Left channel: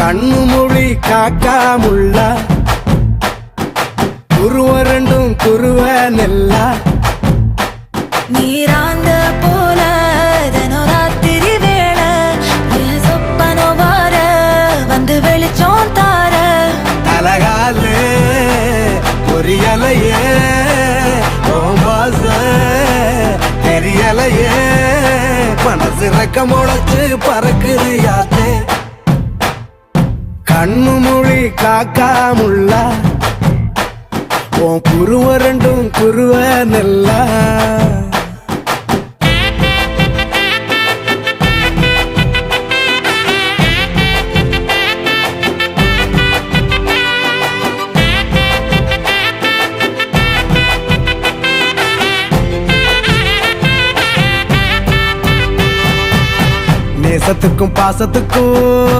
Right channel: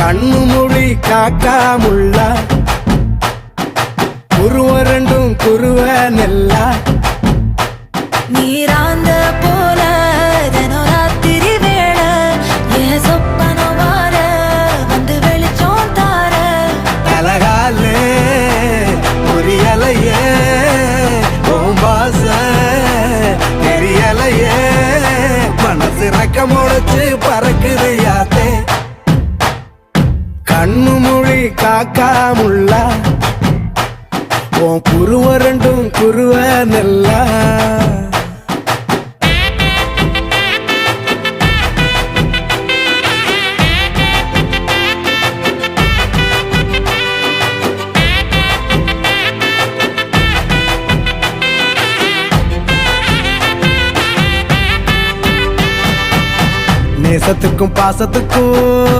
கண்ணு மொழி காக்காமுள்ள குருவ ரெண்டும் குருவ நெல்லா நீராங்க போல தினராத்திரி வேண என் சொப்பனம் மாற வந்து வெளிச்சம் தார தலகாலே பொரியலையே ஓம்பாச தெரியலையே மனசு ரக்க முளைச்சு பறக்குறையாத்தே கண்ணு மொழி காக்காமுள்ள உன் குருவ ரெண்டும் குருவ நெல்லா நேசத்துக்கும் பாசத்துக்கும்